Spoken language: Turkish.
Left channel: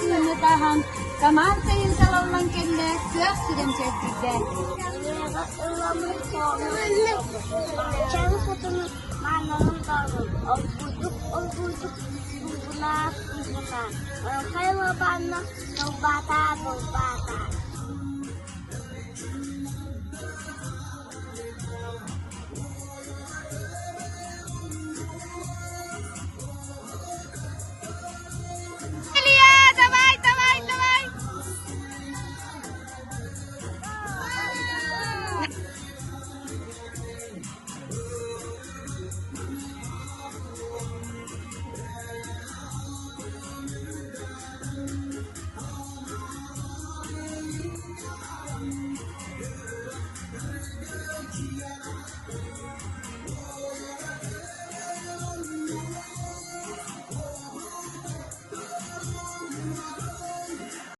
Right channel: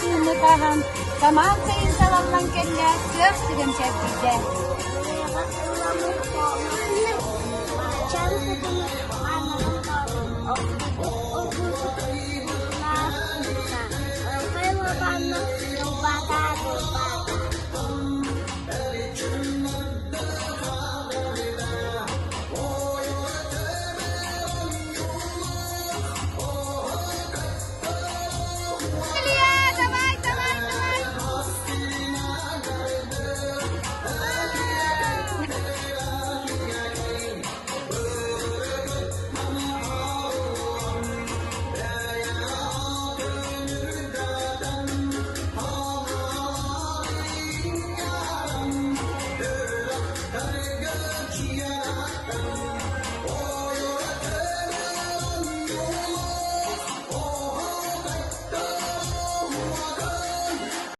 nakahan. Tamaan kayo sa walang kanya. Kaya silang sevgide. Ilamur ko nga pacan sa mananong tawag o budok na ka. Kaya mga paano ng bata.